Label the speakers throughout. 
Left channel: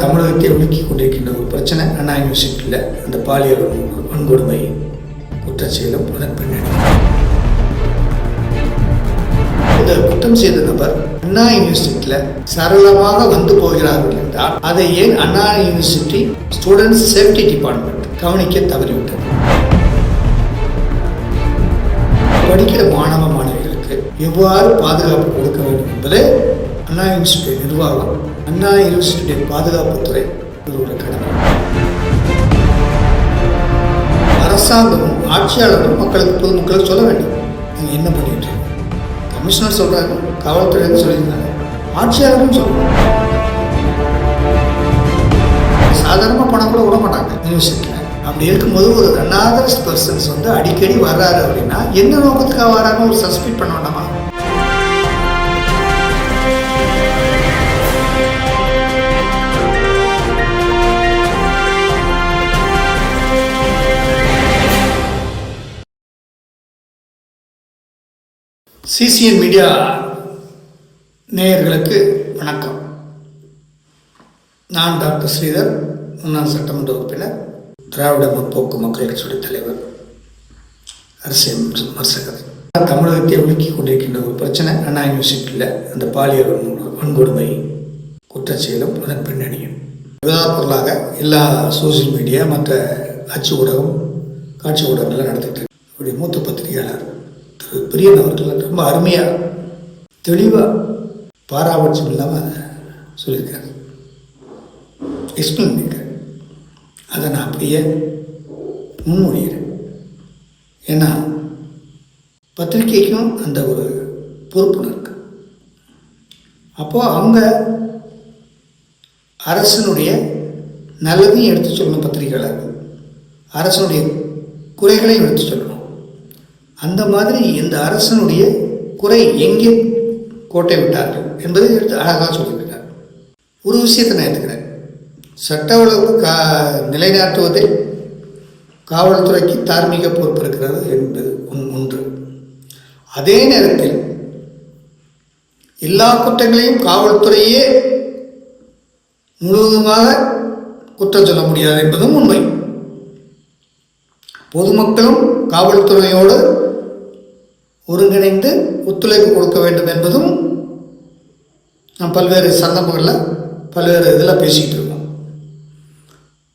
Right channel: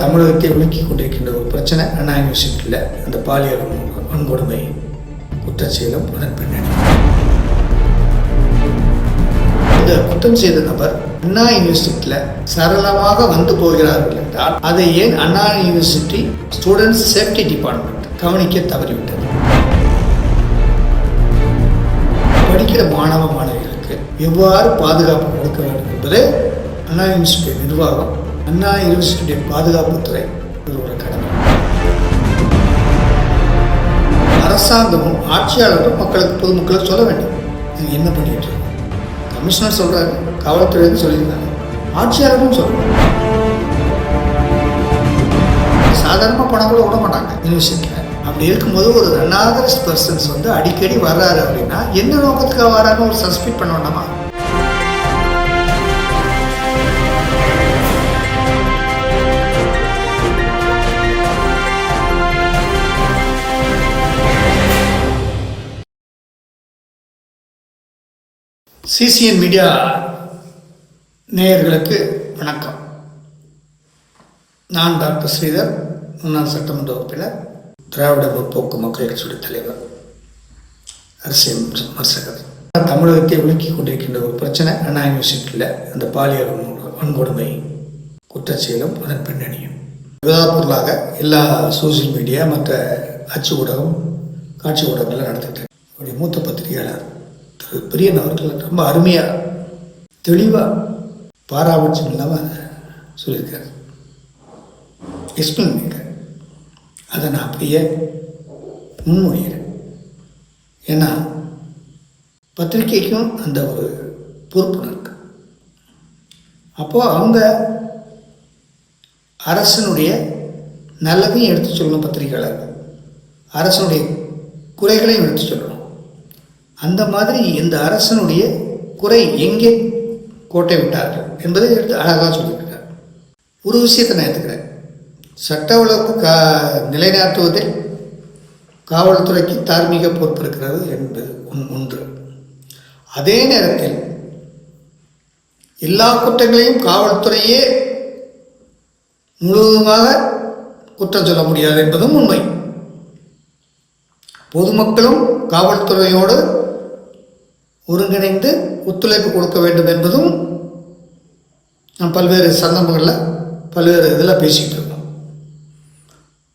Speaker 1: தமிழகத்தை உலுக்கி கொண்டிருக்கின்ற ஒரு பிரச்சனை அண்ணா யூனிவர்சிட்டியில் அந்த பாலியல் வன்கொடுமை குற்றச்செயலும் அதன் பின்னணி. இந்த குற்றம் செய்த நபர் அண்ணா யூனிவர்சிட்டியில் சரளமாக வந்து போகிறார்கள் என்றால் அதை ஏன் Anna university students safety department கவனிக்க தவறிவிட்டது? படிக்கிற மாணவ மாணவிகளுக்கு எவ்வாறு பாதுகாப்பு கொடுக்க வேண்டும் என்பதை அண்ணா யூனிவர்சிட்டி நிர்வாகம் அண்ணா யூனிவர்சிட்டியுடைய பாதுகாப்புத்துறை ஒரு கடமை அரசாங்கமும் ஆட்சியாளரும் மக்களுக்கு பொதுமக்களுக்கு சொல்ல வேண்டும். நீங்கள் என்ன பண்ணிட்டு கமிஷனர் சொல்றாரு காவல்துறையிலேருந்து சொல்லியிருந்தாங்க ஆட்சியாளரும் சொல்லணும் சாதாரணமாக பணம் கூட விட மாட்டாங்க. யூனிவர்சிட்டியில் அப்படி இருக்கும்போது ஒரு அனாதரஸ் பர்சன்ஸ் வந்து அடிக்கடி வர்றாரு அப்படின்னா என்ன நோக்கத்துக்காக வராங்க ஒரு சஸ்பெக்ட் பண்ண வேண்டாமா? சிசிஎன் மீடியா நேயர்களுக்கு வணக்கம். நான் டாக்டர் ஸ்ரீதர் முன்னாள் சட்டமன்ற உறுப்பினர் திராவிட முற்போக்கு மக்கள் கட்சியுடைய தலைவர் அரசியல் விமர்சகர். தமிழகத்தை உலுக்கிக் கொண்டிருக்கின்ற ஒரு பிரச்சனை அண்ணா யூனிவர்சிட்டியில் அந்த பாலியல் வன்கொடுமை குற்றச்செயலும் அதன் பின்னணியும். பொருளாக எல்லா சோசியல் மீடியா மற்ற அச்சு ஊடகம் காட்சி ஊடகங்கள்லாம் நடத்திட்டு இருக்கு. மூத்த பத்திரிகையாளர் திரு பெரிய அவர்கள் ரொம்ப அருமையாக தெளிவாக பாராபட்சம் இல்லாமல் சொல்லியிருக்காரு. எக்ஸ்பிளைன் பண்ணியிருக்காரு அதை நான் அப்படியே முன்மொழிகிறேன். ஏன்னா பத்திரிக்கைக்கும் அந்த ஒரு பொறுப்பு இருக்கு. அப்போது அவங்க அரசனுடைய நல்லதையும் எடுத்து சொல்லணும் பத்திரிகையாளர்கள் அரசனுடைய குறைகளையும் எடுத்து சொல்லணும். அந்த மாதிரி இந்த அரசனுடைய குறை எங்கே கோட்டை விட்டார்கள் என்பதை எடுத்து அழகாக சொல்லியிருக்கிறார் ஒரு விஷயத்தை நான் எடுத்துக்கிறேன். சட்ட ஒழுங்கு கா நிலைநாட்டுவதில் காவல்துறைக்கு தார்மீக பொறுப்பு இருக்கிறது என்பது ஒன்- ஒன்று. அதே நேரத்தில் எல்லா குற்றங்களையும் காவல்துறையே முழுவதுமாக குற்றம் சொல்ல முடியாது என்பதும் உண்மை. பொதுமக்களும் காவல்துறையோடு ஒருங்கிணைந்து ஒத்துழைப்பு கொடுக்க வேண்டும் என்பதும் நாம் பல்வேறு சந்தர்ப்பங்களில் பல்வேறு இதில் பேசிக்கிட்டு இருக்கோம்.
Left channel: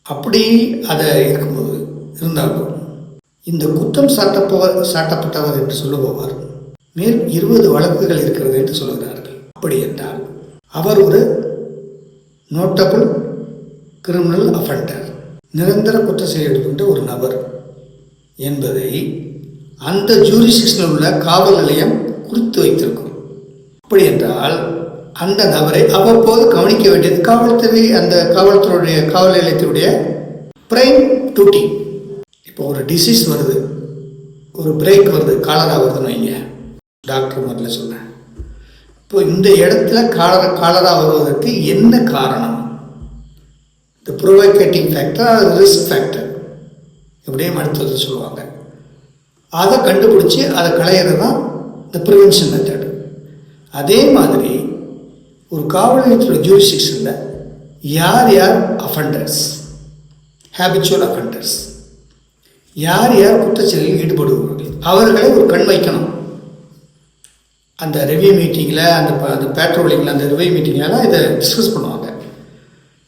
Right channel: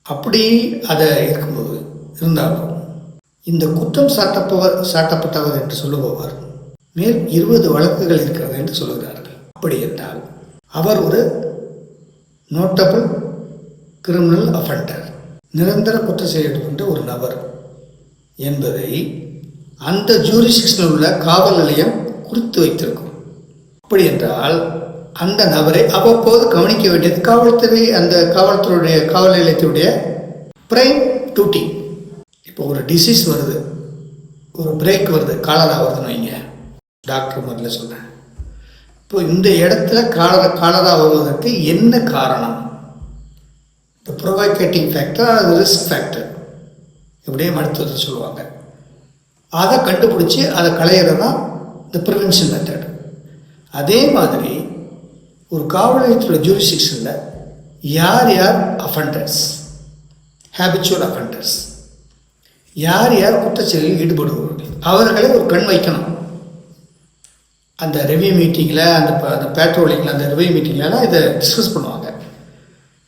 Speaker 1: அப்படி அதை இருக்கும்போது இருந்தாலும் இந்த குற்றம் சாட்டப்பவர் சாட்டப்பட்டவர் என்று சொல்லுபவர் மேல் இருபது வழக்குகள் இருக்கிறது என்று சொல்கிறார்கள் அப்படி என்றால் அவர் ஒரு நோட்டபிள் கிரிமினல் அஃபண்டர் நிரந்தர குற்ற செயல்படுகின்ற ஒரு நபர் என்பதை அந்த ஜூரிஸ்டிக்ஷனில் உள்ள காவல் நிலையம் குறித்து வைத்திருக்கும். அப்படி என்றால் அந்த நபரை அவ்வப்போது கவனிக்க வேண்டியது காவல்துறை அந்த காவல்துறையுடைய காவல் நிலையத்தினுடைய பிரைம் டியூட்டி இப்போ ஒரு டிசீஸ் வருது. ஒரு பிரேக் வருது. காலரா வருதுன்னு வைங்க. டாக்டர் முதல்ல சொன்னேன் இப்போ இந்த இடத்துல காலரா காலரா வருவதற்கு என்ன காரணம்? இந்த ப்ரொவைகேட்டிங் ஃபேக்டர் அது ரிஸ்க் ஃபேக்டர் இப்படியே மருத்துவத்தை சொல்லுவாங்க. அதை கண்டுபிடிச்சி அதை களையிறது தான் இந்த ப்ரிவென்ஷன் மெத்தட் அதே மாதிரி ஒரு காவல் நிலையத்தோட ஜூரிஸ்டிக்ஷனில் யார் யார் அஃபண்டர்ஸ் ஹேபிச்சுவல் அஃபண்டர்ஸ் யார் யார் குற்றச்செயலில் ஈடுபடுபவர்கள்? அவர்களை ஒரு கண் வைக்கணும். அந்த ரெவ்யூ மீட்டிங்கில் அந்த ப- அந்த பேட்ரோலிங்கில் அந்த ரெவ்யூ மீட்டிங்லலாம் இதை டிஸ்கஸ் பண்ணுவாங்க.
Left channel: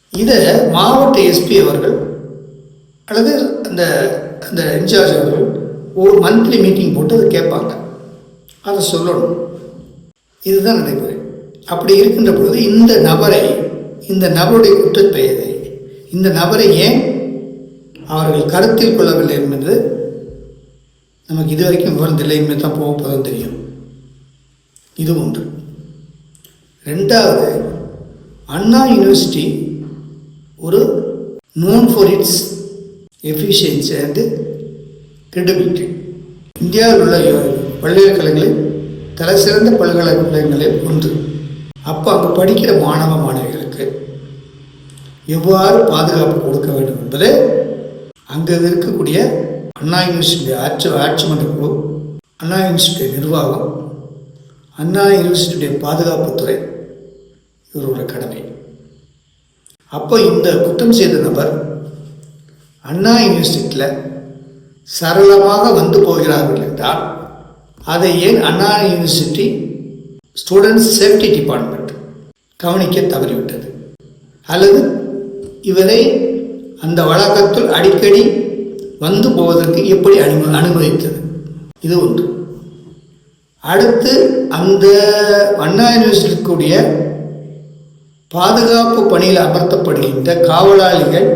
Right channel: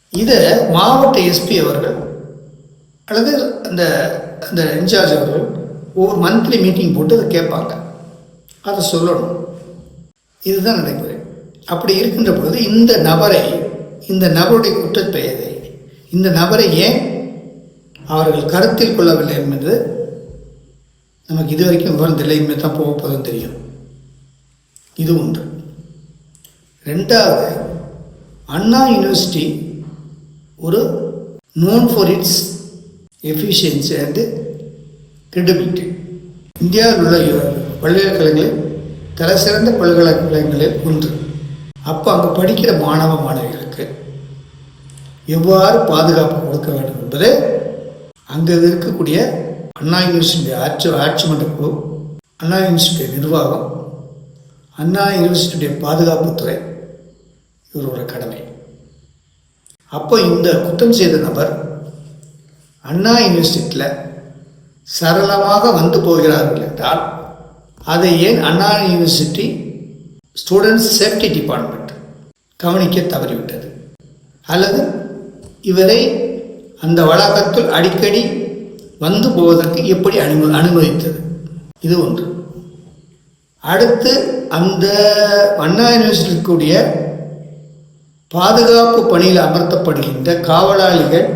Speaker 1: இதை மாவட்ட எஸ்பி அவர்கள் அல்லது அந்த அந்த இன்சார்ஜ் அவர்கள் ஒரு மந்த்லி மீட்டிங் போட்டு அதை கேட்பாங்க. அதை சொல்லணும். இதுதான் நடைமுறை. அப்படி இருக்கின்ற பொழுது இந்த நபரை இந்த நபருடைய குற்றப்பெயரை இந்த நபரை ஏன் அவர்கள் கருத்தில் கொள்ளவில்லை என்பது நமக்கு இதுவரைக்கும் விவரம் இல்லை இனிமேல் தான் போக போதும் தெரியும். இது ஒன்று. ரெண்டாவது அண்ணா யூனிவர்சிட்டி ஒரு known for its efficiency and credibility இந்தியாவில் உள்ள பல்கலைக்கழகங்களில் தலைசிறந்த பல்கலைக்கழகங்களில் ஒன்று. அப்போ அங்கே படிக்கிற மாணவ மாணவிகளுக்கு எவ்வாறு பாதுகாப்பு கொடுக்க வேண்டும் என்பதை அங்கே இருக்கக்கூடிய அண்ணா யூனிவர்சிட்டி ஆட்சி ஆட்சி மன்ற குழு அண்ணா யூனிவர்சிட்டி நிர்வாகம் அண்ணா யூனிவர்சிட்டியுடைய பாதுகாப்புத்துறை இவரோட கடமை. அப்போ இந்த குற்றம் செய்த நபர் அண்ணா யூனிவர்சிட்டியில் சரளமாக வந்து போகிறார்கள் என்றால் அதை ஏன் Anna university students safety department கவனிக்க தவறிவிட்டது? அல்லது இவரை அந்த வளாகத்தில் அடிக்கடி வந்து போவதற்கு எப்படி அனும அனுமதித்தது? இது ஒன்று. அடுத்து அந்த அண்ணா யூனிவர்சிட்டிக்குரிய கூடிய பாதுகாப்பு பணியில் அமர்த்தப்படுகின்ற காவலாளிகள்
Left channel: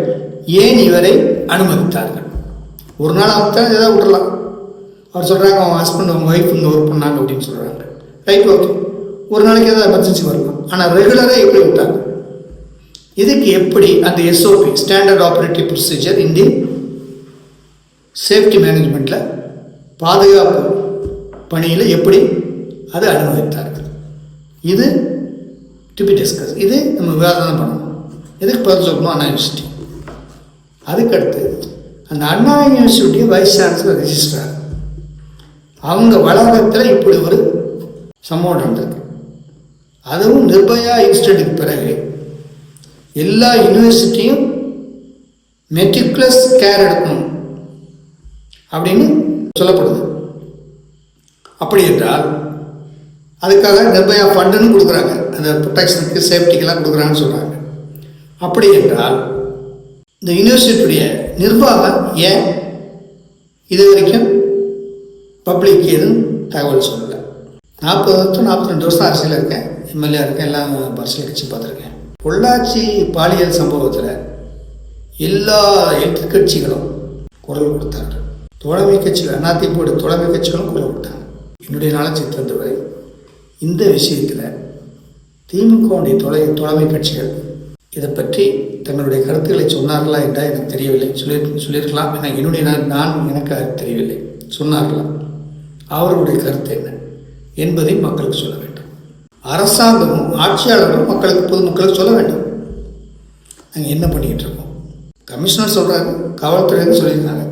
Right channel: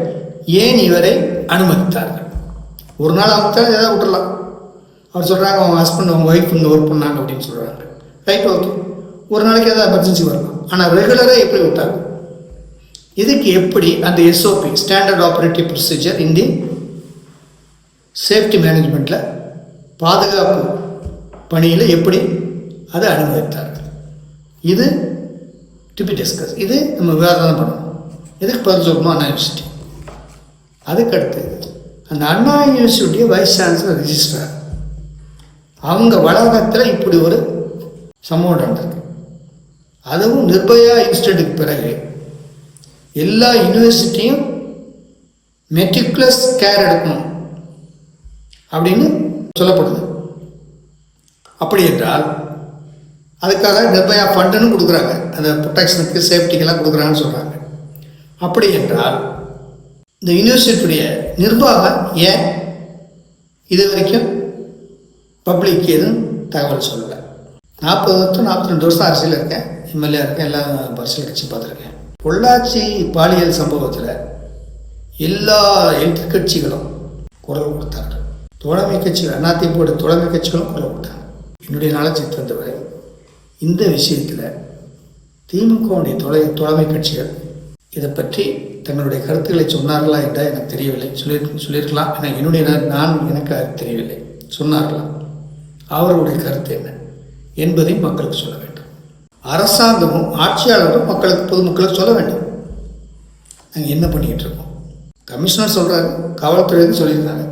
Speaker 1: ஏன் இவரை அனுமதித்தார்கள்? ஒரு நாள் அமுத்தாலும் ஏதாவது விட்டுறலாம் அவர் சொல்கிறாங்க அவங்க ஹஸ்பண்ட் அவங்க ஒய்ஃப் இங்கே ஒர்க் பண்ணாங்க அப்படின்னு சொல்கிறாங்க ரைட் ஓகே ஒரு நாளைக்கு ஏதாவது எமர்ஜென்சி வரலாம். ஆனால் ரெகுலராக எப்படி விட்டாங்க? இதுக்கு எப்படி அந்த SOP standard operative procedure in the safety மேனேஜ்மெண்ட்டில் பாதுகாப்பு பணியில் எப்படி அதை அனுமதித்தார்கள்? இது டு பி டிஸ்கஸ் இது நம்ம விவாதம் பண்ணணும். எதுக்கு பதில் சொல்லணும் அண்ணா யூனிவர்சிட்டி அதுக்கடுத்து அந்த அண்ணா யூனிவர்சிட்டிய வைஸ் சான்சலர் ரிஜிஸ்ட்ரார் அவங்க வளாகத்தில் இப்படி ஒரு சம்பவம் நடந்திருக்கு. அதுவும் நிர்பயா இன்ஸ்டியூட்டுக்கு பிறகு. எல்லா யூனிவர்சிட்டியும் மெட்ரிகுலஸ் கேர் எடுக்கணும் அப்படின்னு சொல்லப்படுது. அப்படி என்றால் அதுக்காக நிர்பயா ஃபண்டுன்னு கொடுக்குறாங்க. அந்த ப்ரொடெக்ஷனுக்கு சேஃப்டிக்கெல்லாம் கொடுக்குறாங்கன்னு சொல்கிறாங்க அப்படி என்றால் இந்த யூனிவர்சிட்டியுடைய நிர்வாகம் ஏன் இது வரைக்கும் பப்ளிக் எதுவும் தகவல் சொல்லலை? நாற்பது வருஷம் நாற்பத்தி ரெண்டு வருஷம் அரசியல் இருக்கேன் எம்எல்ஏ இருக்கேன். எல்லாம் அரசியல் கட்சி பார்த்துருக்கேன். பொள்ளாச்சி பாலியல் சம்பவத்தில் எல்லா எதிர்கட்சிகளும் குரல் கொடுத்தாங்க. தோழமை கட்சிகள் அதிமுக தோழமை கட்சிகளும் குரல் கொடுத்தாங்க. என்னுடைய நாளச்சி தந்தவரை இந்த விஷயத்தில் திமுகவுடைய தொலை தோழமை கட்சிகள் இதை பற்றி தங்களுடைய கருத்துக்களை சொன்னார்களா என்றால் எனக்கு தெரியவில்லை. சொல்லி சொல்லியிருக்கலாம். ஏன்னா என்னுடைய நான் எனக்கு அது தெரியவில்லை. சொன்னார்களாம் அவர்களுடைய கருத்து என்ன? என்பதை மக்களுக்கு சொல்ல வேண்டும். அரசாங்கமும் ஆட்சியாளரும் மக்களுக்கு பொதுமக்களுக்கு சொல்ல வேண்டும். நாங்கள் என்ன பண்ணிக்கிட்டு இருக்கோம்? கமிஷனர் சொல்கிறாங்க காவல்துறையிலேருந்து சொல்லியிருந்தாங்க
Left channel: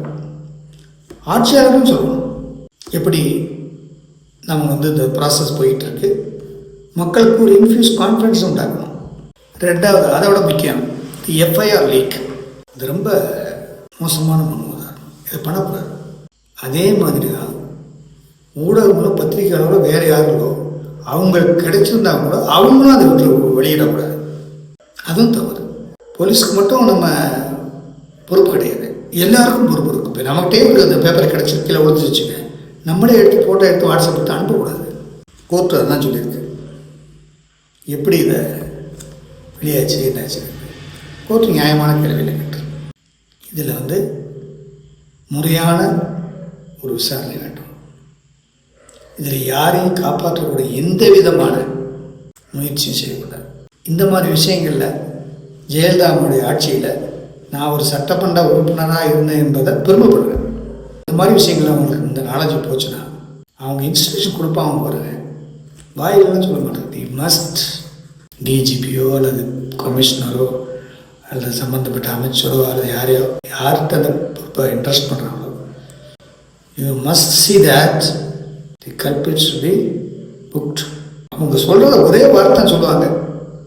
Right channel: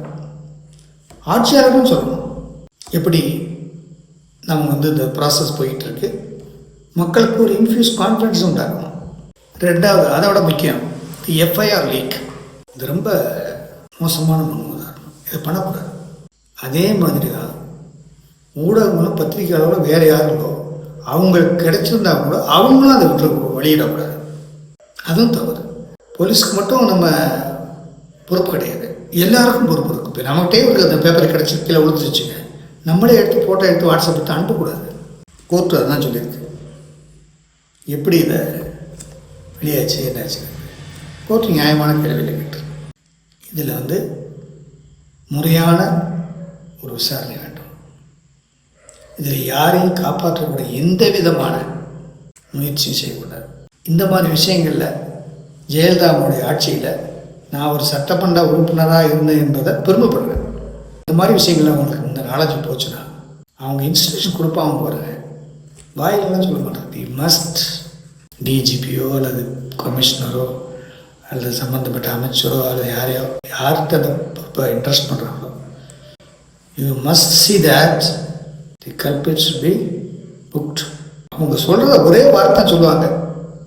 Speaker 1: ஆட்சியாளரும் சொல்லணும். எப்படி நம்ம வந்து இந்த ப்ராசஸ் போயிட்டுருக்கு மக்களுக்கு ஒரு இன்ஃபியூஸ் கான்ஃபிடன்ஸ் உண்டாகணும் ரெண்டாவது அதை விட முக்கியம் எஃப்ஐஆர் லீக் இது ரொம்ப மோசமான முன்னுதாரணம். இதை பண்ணக்கூடாது. அதே மாதிரி தான் ஊடகங்களும் பத்திரிகையாளர்களும் வேறு யாருங்களோ அவங்களுக்கு கிடைச்சிருந்தா கூட அவங்களும் அதை விட்டு வெளியிடக்கூடாது. அதுவும் தவறு. போலீஸ்க்கு மட்டும் நம்ம பொறுப்பு கிடையாது. எல்லாருக்கும் பொறுப்பு இருக்குது இப்போ நம்மகிட்டே ஒரு அந்த பேப்பர் கிடச்சி கீழே விழுந்து நம்மளே எடுத்து ஃபோட்டோ எடுத்து வாட்ஸ்அப் எடுத்து அனுப்பக்கூடாது. கோர்ட்டு அதான் சொல்லியிருக்கு. எப்படி இதை வெளியாச்சு என்னாச்சு கோர்ட்டு நியாயமான கேள்வியில் கேட்டு இதில் வந்து முறையான ஒரு விசாரணை வேண்டும். இதில் யாரையும் காப்பாற்றக்கூடிய எந்த விதமான முயற்சியும் செய்யக்கூடாது. இந்த மாதிரி விஷயங்களில் ஜெயலலிதாவுடைய ஆட்சியில் நான் ஒரு சட்டமன்ற உறுப்பினராக இருந்தேன் என்பதை பெருமைப்படுறேன் இந்த மாதிரி விஷயங்கள் அவங்களுக்கு இந்த நாலேஜ் போச்சுன்னா அவங்க இன்ஸ்டியூஷன் கொடுப்பாங்க பாருங்க. வாயிலெல்லாம் சொல்ல மாட்டாங்க. தி மஸ்ட் டிஜிபியோ அல்லது கமிஷனரோ அல்லது சம்மந்தப்பட்ட அமைச்சரோ அல்லது யாரையோ யார்கிட்ட அந்த இப்போ இன்ட்ரெஸ்ட் பண்ணுறாங்களோ you must see that the culprits be booked அவங்க சொல்கிறத ஒரே வார்த்தை சொல்லுவாங்க.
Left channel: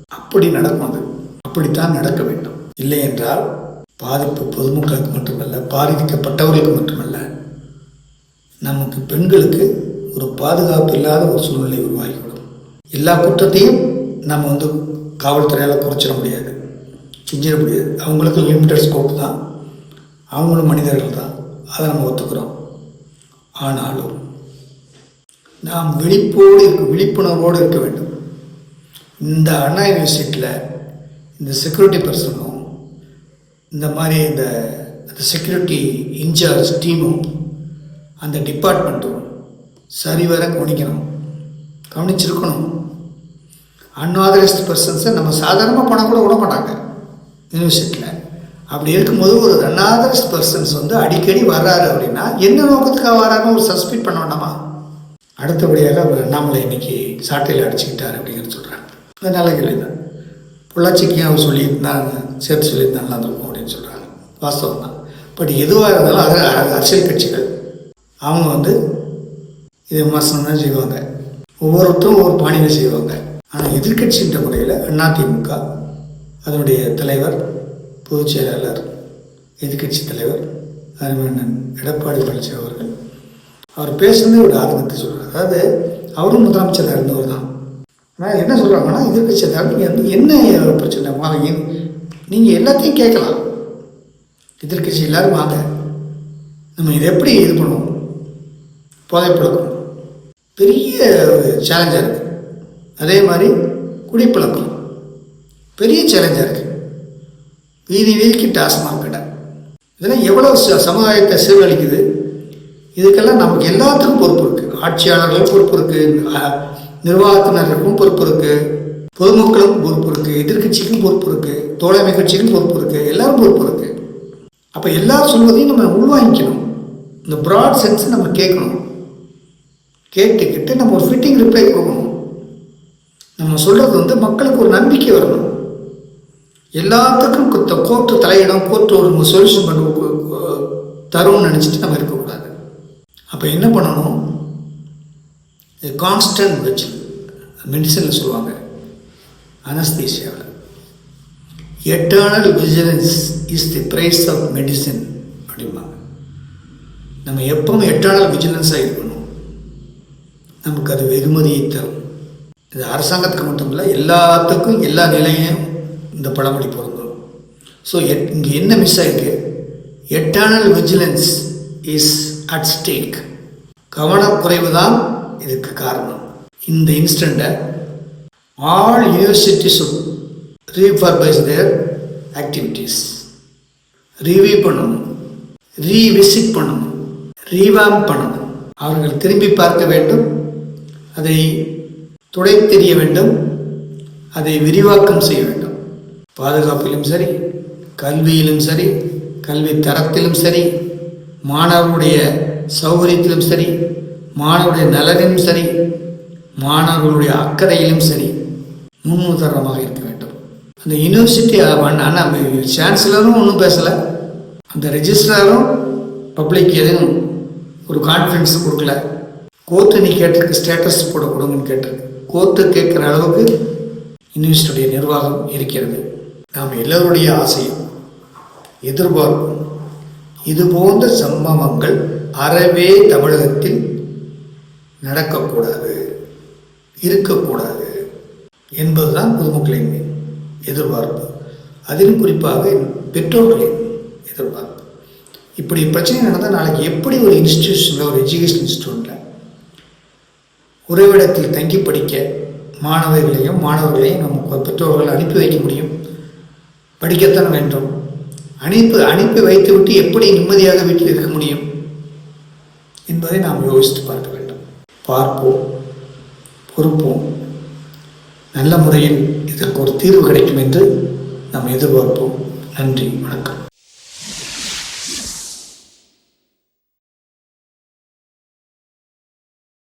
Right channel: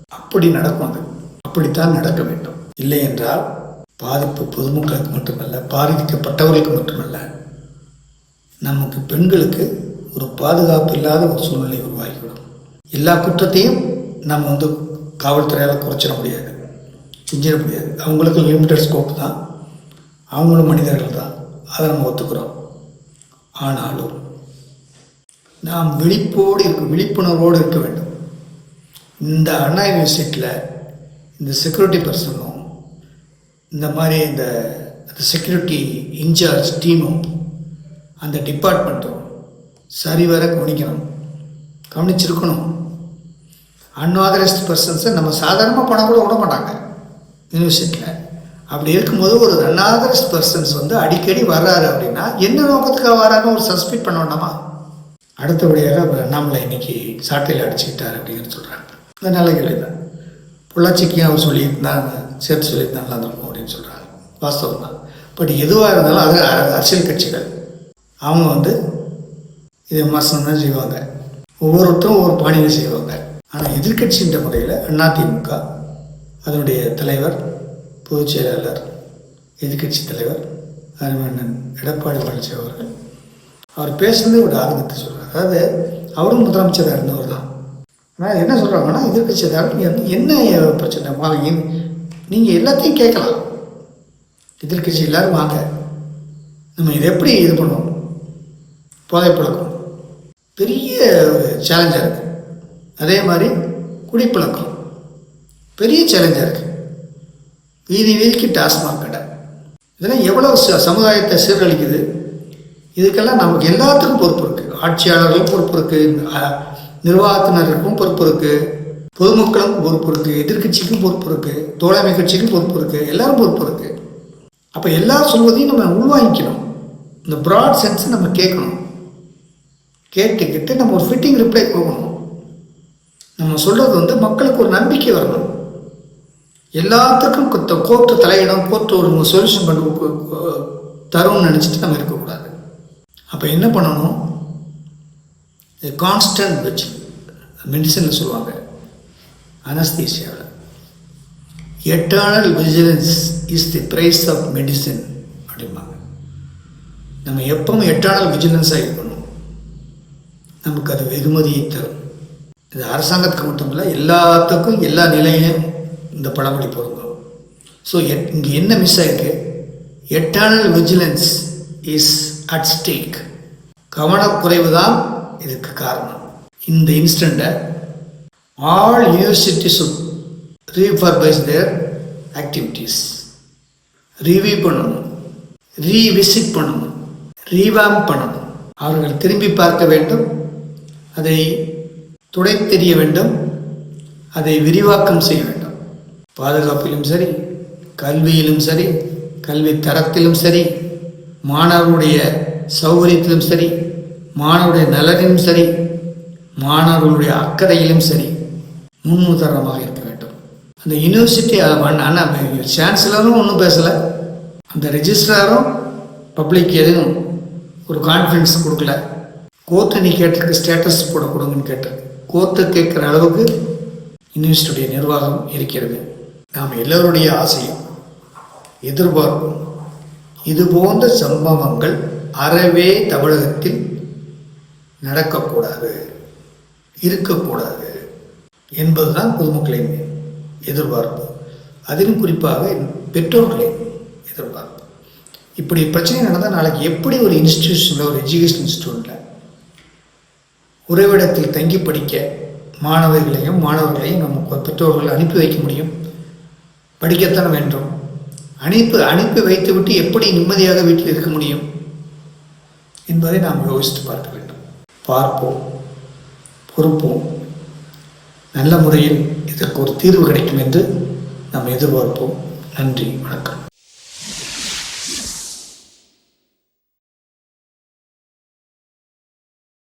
Speaker 1: அப்படி நடக்கும் அது. அப்படித்தான் நடக்க வேண்டும். இல்லை என்றால் பாதிப்பு பொதுமக்களுக்கு மட்டுமல்ல பாதிக்கப்பட்டவர்களுக்கு மட்டுமல்ல நமக்கு பெண்களுக்கு ஒரு பாதுகாப்பு இல்லாத ஒரு சூழ்நிலை உருவாகிவிடும். எல்லா குற்றத்தையும் நம்ம வந்து காவல்துறையால் குறைச்சிட முடியாது. செஞ்சிட முடியாது. அவங்களுக்கும் லிமிட்டட் ஸ்கோப் தான். அவங்களும் மனிதர்கள் தான். அதை நம்ம ஒத்துக்கிறோம். ஆனாலும் நாம் விழிப்போடு இருக்க விழிப்புணர்வோடு இருக்க வேண்டும். இந்த அண்ணா யூனிவர்சிட்டியில் இந்த செக்யூரிட்டி பர்சனும் இந்த மாதிரி இந்த செக்யூரிட்டி இன்சார்ஜ் டீமும் அந்த டிபார்ட்மெண்ட்டும் சரிவர கவனிக்கணும். கவனிச்சிருக்கணும். அன்ஆதரைஸ்ட் பர்சன்ஸை நம்ம சாதாரணமாக பணம் கூட விட மாட்டாங்க யூனிவர்சிட்டியில் அப்படி இருக்கும்போது ஒரு அன்ஆதரைஸ்ட் பர்சன்ஸ் வந்து அடிக்கடி வர்றாரு அப்படின்னா என்ன நோக்கத்துக்காக வராருன்னு ஒரு சஸ்பெக்ட் பண்ண வேண்டாமா? அடுத்தபடியாக அவர் அண்ணாமலை இன்னைக்கு சாட்டையில் அடிச்சுக்கிட்டார் அப்படிங்கிறது சொல்கிறாங்க அது நல்ல கேள்வி தான் பொள்ளாச்சிக்கும் அவர் சொல்லியிருந்தாங்க சேர்த்து சொல்லியிருந்தா நல்லா இருக்கும் அப்படின்னு சொல்கிறாங்க வாஸ்தவம் தான் பட் எதுவாக இருந்தாலும் அது அரசியல் கட்சிகள். அவங்க வந்து இதை விமர்சனம் தான் செய்வாங்க. ஒவ்வொருத்தரும் ஒவ்வொரு பாணியில் செய்வாங்க. ஆனால் எதிர்க்கட்சின்ற முறையில் அதிமுக அதனுடைய தலைவர் பொதுச் செயலாளர் எதிர்க்கட்சி தலைவர் அருமண்ணன் எடப்பாடி பழனிசாமி அவர்கள். அவர் பேசுனதே ஒரு ஆதங்கத்தை சொல்கிறார் அதாவது அவரும் முதலமைச்சராக இருந்தவர் தான். ஆனால் என்ன சொல்கிறாங்கன்னா எதிர்கட்சி தலைவர் என்ன பிரச்சனை? வாங்க நீங்கள் எல்லாத்தையும் கேட்கலாம். எதிர்கட்சி எல்லோரும் வாங்க. நம்ம இதை எப்படி இது பண்ணுவோம்? போதைப்பழக்கம் பெரிய சேலஞ்சாக இருக்குது அதே மாதிரி குடிப்பழக்கம். பெரிய சேலஞ்சாக இருக்குது வீதி வீதிக்கு டாஸ்மாக் கடை. இதெல்லாம் எவ்வளோ ச- சமுதாயத்தை சீரழிக்குது? இதுக்கெல்லாம் நமக்கு எல்லாத்துக்கும் பொறுப்பு இருக்குது ஆட்சியாளர்களுக்கும் பொறுப்பு இருக்குது நிர்வாகத்தினருக்கும் பொறுப்பு இருக்குது பொதுமக்களுக்கும் பொறுப்பு இருக்குது எதிர்க்கட்சிக்கும் பொறுப்பு இருக்குது தோழமை கட்சிக்கும் பொறுப்பு இருக்குது எல்லாரும் பொறுப்பு இருக்குது அப்போ எல்லாரும் சொல்வதையும் நம்ம உள்வாங்கிக்கணும். இந்த ப்ராட் சென்ஸை நம்ம கேட்கணும். கேட்டுக்கிட்டு நம்ம ஒரு ஃபிட்டிங் ரிப்ளை கொடுக்கணும். நம்ம சொல்கிறது வந்து மக்களுக்கு ஒரு நம்பிக்கை வரணும். எல்லாத்துக்கும் கோர்ட்டு தலையிடம் கோர்ட்டு ஒரு சொல்யூஷன் பண்ண தரும்னு நினச்சிட்டு நம்ம இருக்கக்கூடாது. அப்போ என்ன பண்ணணும்? கான்ஸ்டன்ட் வச்சு மெடிசனில் சொல்லுவாங்க. அனஸ்தீசியாவில் eternal vigilance is the price of medicine அப்படிம்பாங்க. நம்ம எப்பவும் எட்டர்னல் விஜிலன்ஸாக இருக்கணும். நமக்கு அது வெகுமதியை தரும். இது அரசாங்கத்துக்கு மட்டும் இல்லை எல்லாத்துக்கும் எல்லா நிலையும் இந்த பழமொழி பொருந்தும் ஸோ எட் இங்கே என்ன மிஸ் ஆகிருக்கு eternal vigilance is at stake கவனக்குறைவு தான் இதுக்கு காரணம். இந்த இன்ஸ்டண்ட்டை all universities refurbish their activities review பண்ணணும். ரீவிசிட் பண்ணணும். ரீவாம் பண்ணணும். அவர்கள் திரும்பி பார்க்க வேண்டும். அதை துடை தெரிய வேண்டும் அதை விரிவாக்கம் செய்ய வேண்டும். பாதுகாப்பிலும் சரி கல்வியிலும் சரி கல்வி தரத்திலும் சரி மாணவருடைய சௌகரியத்திலும் சரி மாணவருடைய நலனிலும் சரி மாணவர்களுடைய அக்கறையிலும் சரி முன்னுதாரணமாக இருக்க வேண்டும். அந்த யூனிவர்சிட்டி ஆனால் சான்சலரும் ஒன்றும் பேசலை. அந்த ரெஜிஸ்ட்ராரும் பப்ளிக் எதுவும் ஒரு கான்ஃபிடன்ஸ் கொடுக்கல. கோர்ட்டு நீ கேட்டிருக்கு ஸ்டேட்டஸ் போட கொடுங்கன்னு கேட்டிருக்கு. கோர்த்து கேட்குற அளவுக்கு யூனிவர்சிட்டியுடைய நிர்வாகம் இருக்கிறது. நாம் எல்லோருடைய ஆசையும் எதிர்பார்ப்பும் இது போன்ற சம்பவங்கள் அறவே தமிழகத்தில் நடக்கக்கூடாது இருக்கக்கூடாது என்பதுதான் பொதுமக்களின் எதிர்பார்ப்பு. அதிலும் குறிப்பாக பெற்றோர்களின் எதிர்பார்ப்பு. இப்படி பிரச்சனை நடந்தால் நாளைக்கு எப்படி ஒரு இன்ஸ்டிடியூஷனில் ஒரு எஜுகேஷன் இன்ஸ்டியூட்டில் உறைவிடத்தில் தங்கி படிக்க மாணவர்களையும் மாணவர்களையும் நம்ம பெற்றோர்கள் அனுப்பி வைக்க முடியும். படிக்கத்தான் வேண்டும். அனுப்பி அனுப்பி வைத்துவிட்டு எப்படி நிம்மதியாக வீட்டில் இருக்க முடியும் என்பதை நாம் யோசித்து பார்க்க வேண்டும். பார்ப்போம் பொறுப்போம். நல்ல முறையில் இதற்கு ஒரு தீர்வு கிடைக்கும் என்று நாம் எதிர்பார்ப்போம். நன்றி வணக்கம்.